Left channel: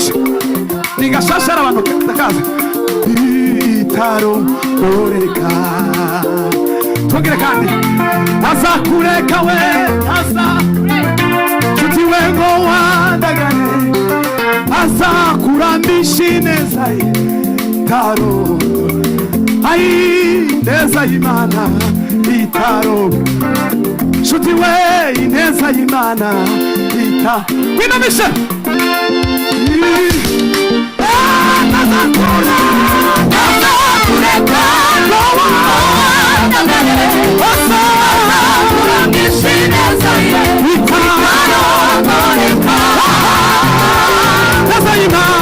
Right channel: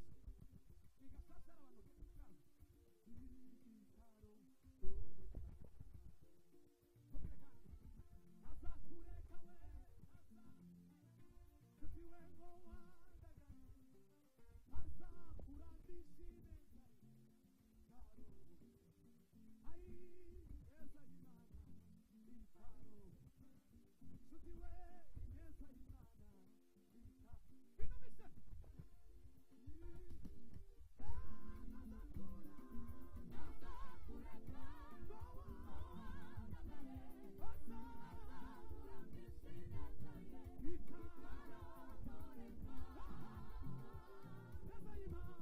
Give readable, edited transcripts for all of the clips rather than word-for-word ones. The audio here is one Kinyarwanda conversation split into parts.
nigashushe nigashashara abantu ndakaza itaro oreka tongere kandi azakureka we nshuti we ngo wandagane azakurambisha ineza itaro ai ineza y'Imana itaro nshuti we ineza y'Imana ita winamisha azakureka azakurambisha ineza itaro ineza y'Imana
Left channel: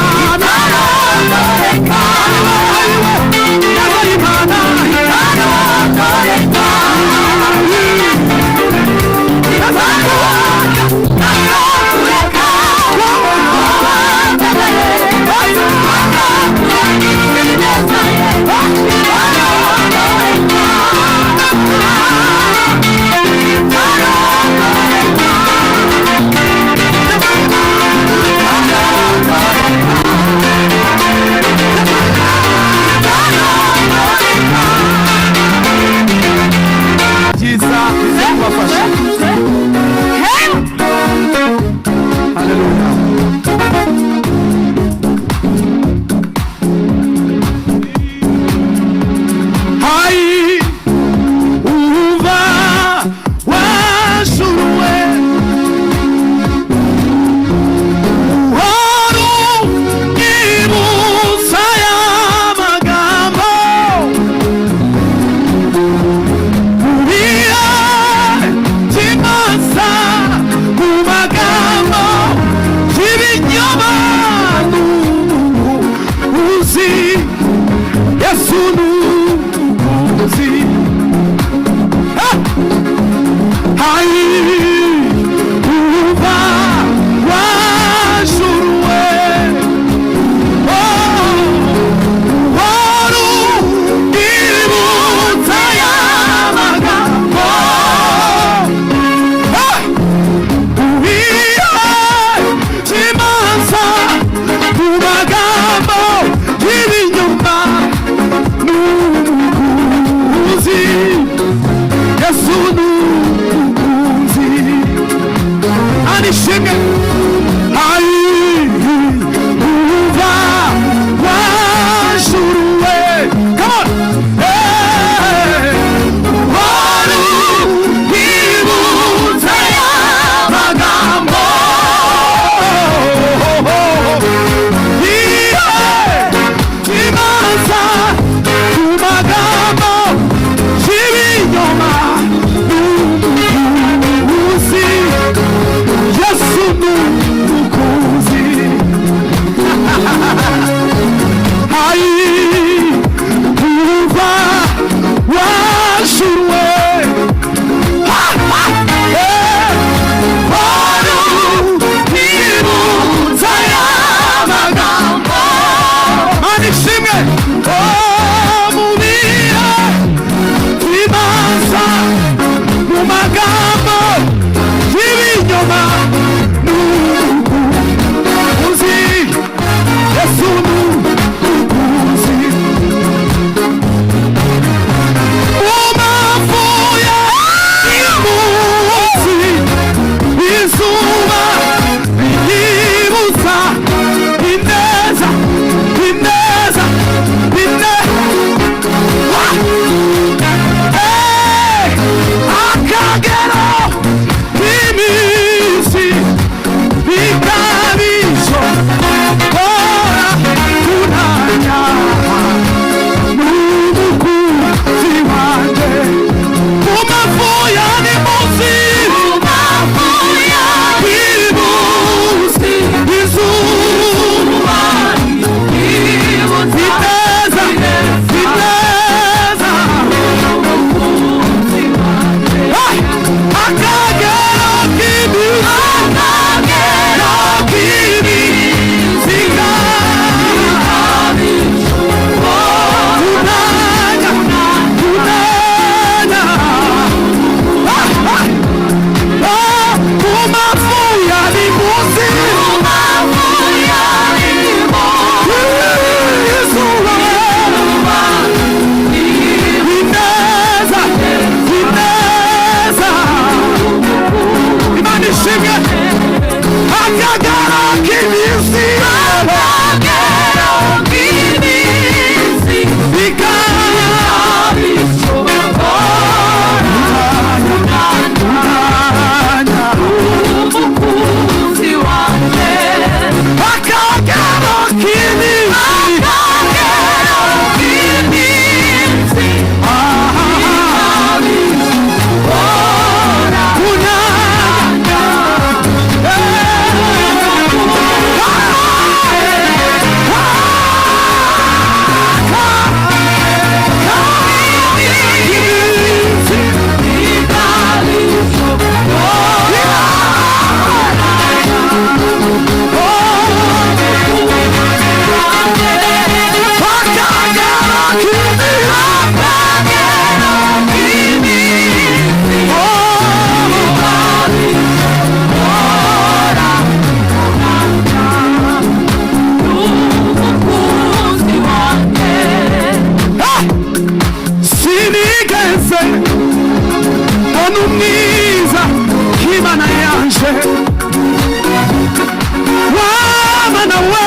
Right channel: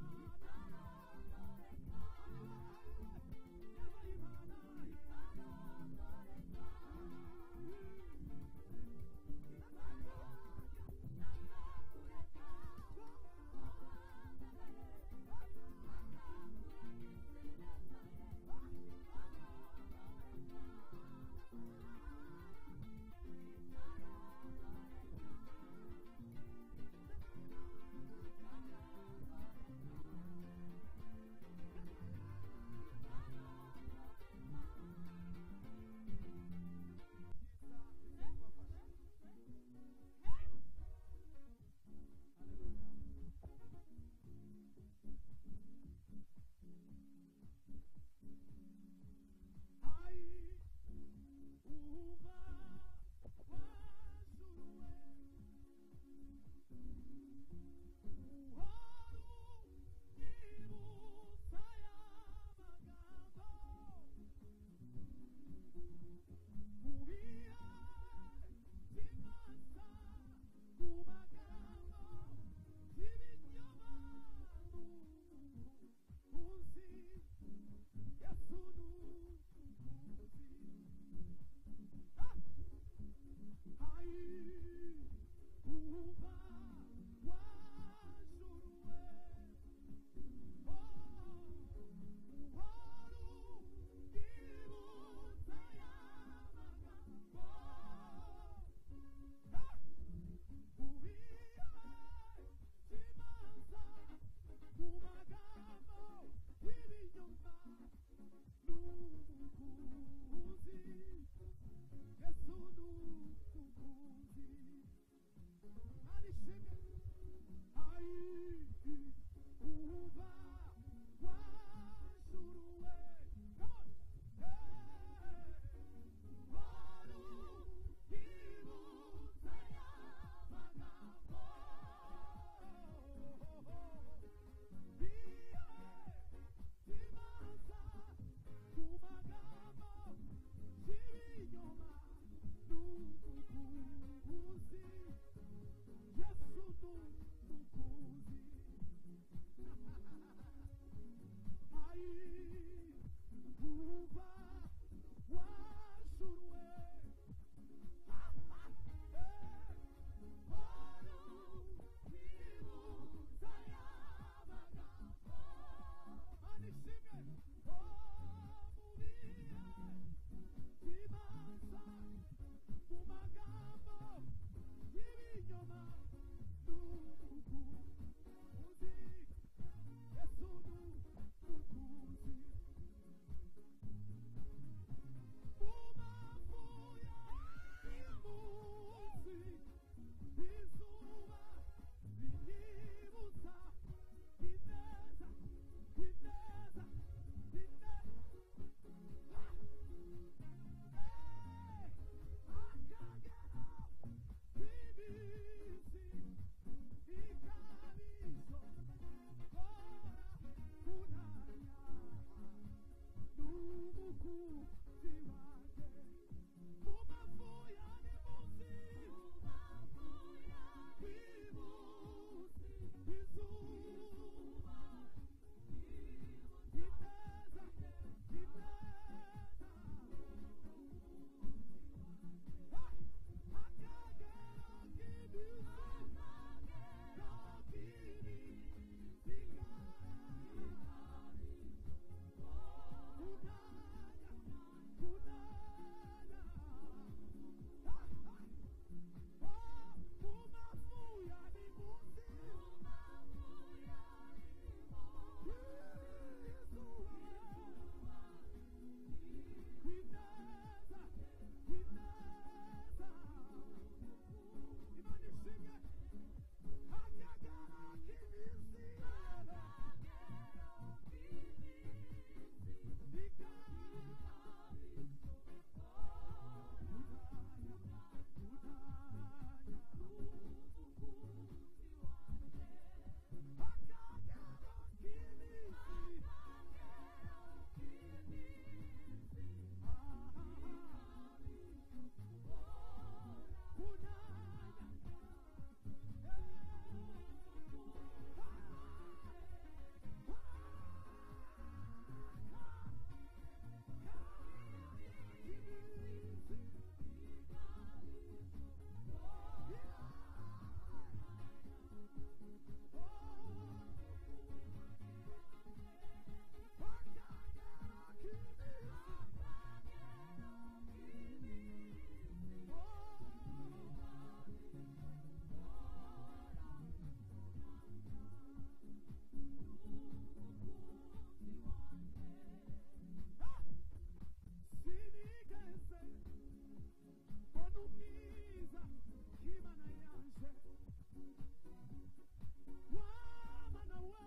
wamana we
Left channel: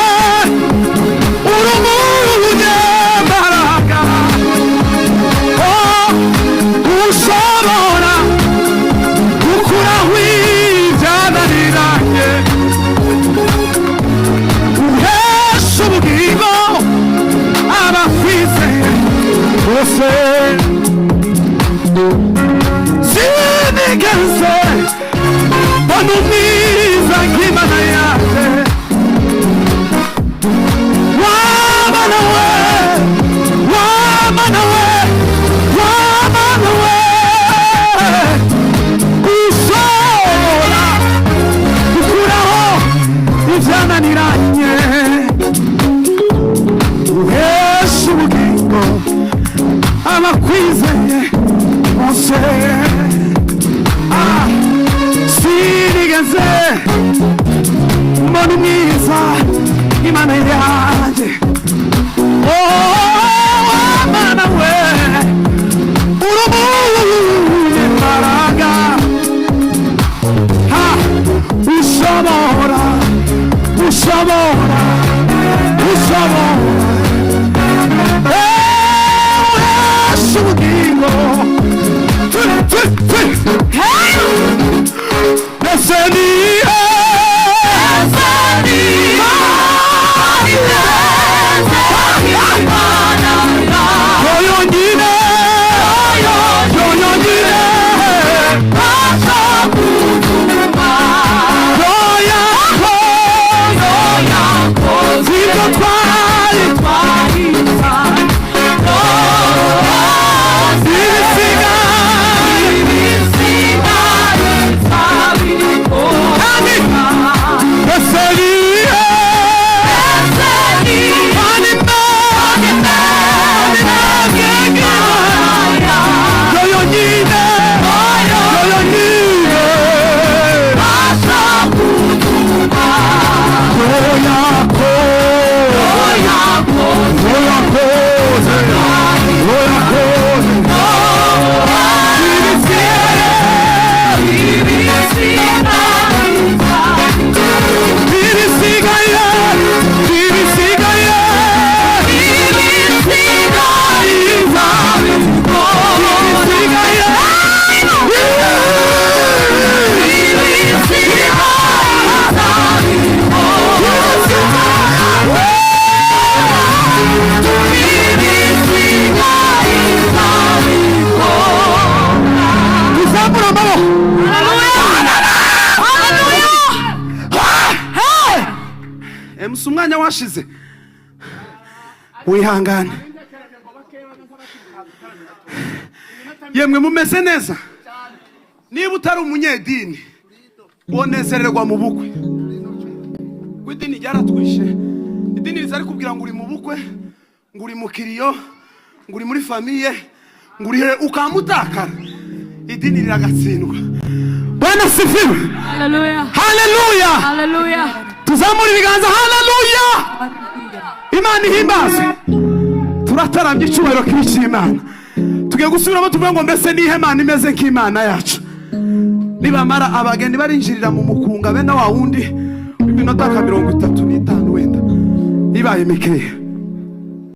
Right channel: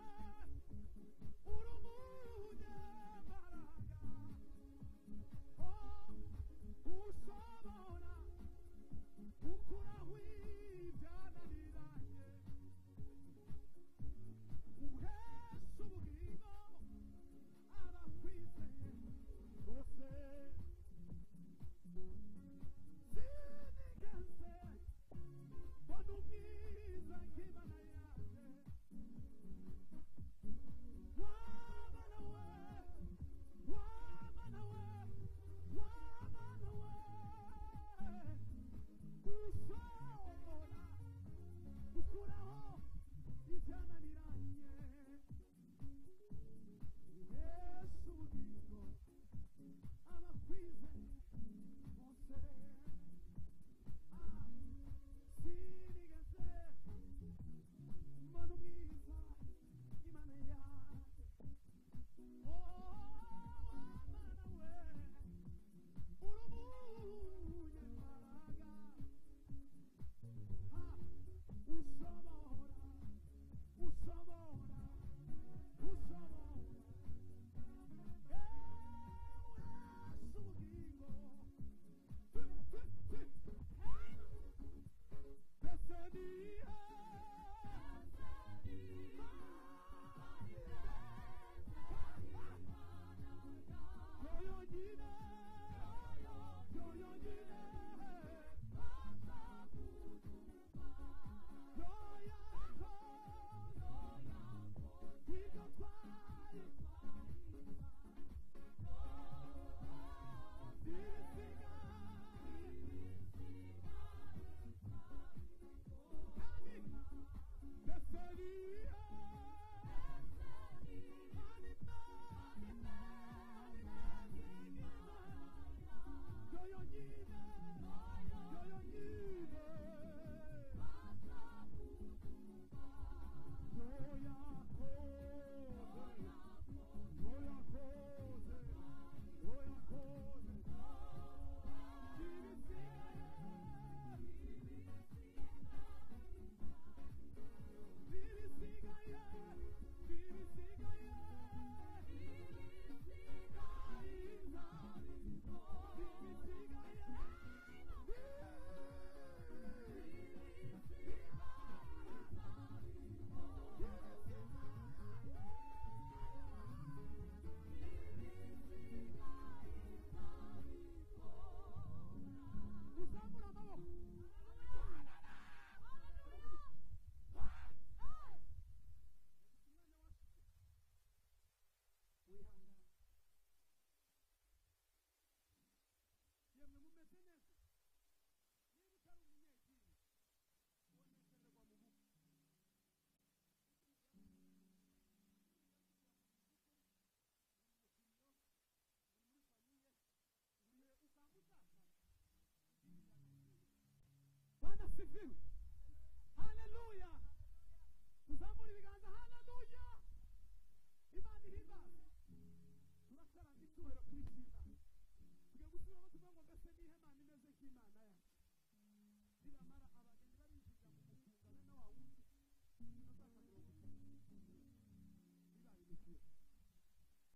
urumunyembaraga ushobora gukuraho ibyananiranye uhesha ubugingo abakwizeye bose sinigeze mbona umwiza nk'Imana yaje wamana we wamana we wamana we ushobora gukuraho ibyananiranye uhesha ubugingo abakwizeye bose sinigeze mbona umwiza Imana yanjye Mana we urumunyembaraga ushobora ushobora ushobora uhesha ubugingo umwanya washize wihangane yemwe mumeze neza niba utari umunyedini wonezererwa mu bukwe kw'idini ryaratwishe idini rizari kubwira ngo uri mu bukwe ngo uri mu kiriyo ngo uri muri famiye ngo uri ukamutakara idini riragatsindwa Bwana sifiwe haleluya haleluya haleluya tuzamura ibiganza haleluya Imana ihimbaze turatarambye icyubahiro k'Imana tugiye gusubiramo tuvuga ngo mbese nihe Imana imeze nk'Imana yacu nibamara abageni barinjirira mu mukunga bene wa wundi iminota 35 wenda ibaye mikeya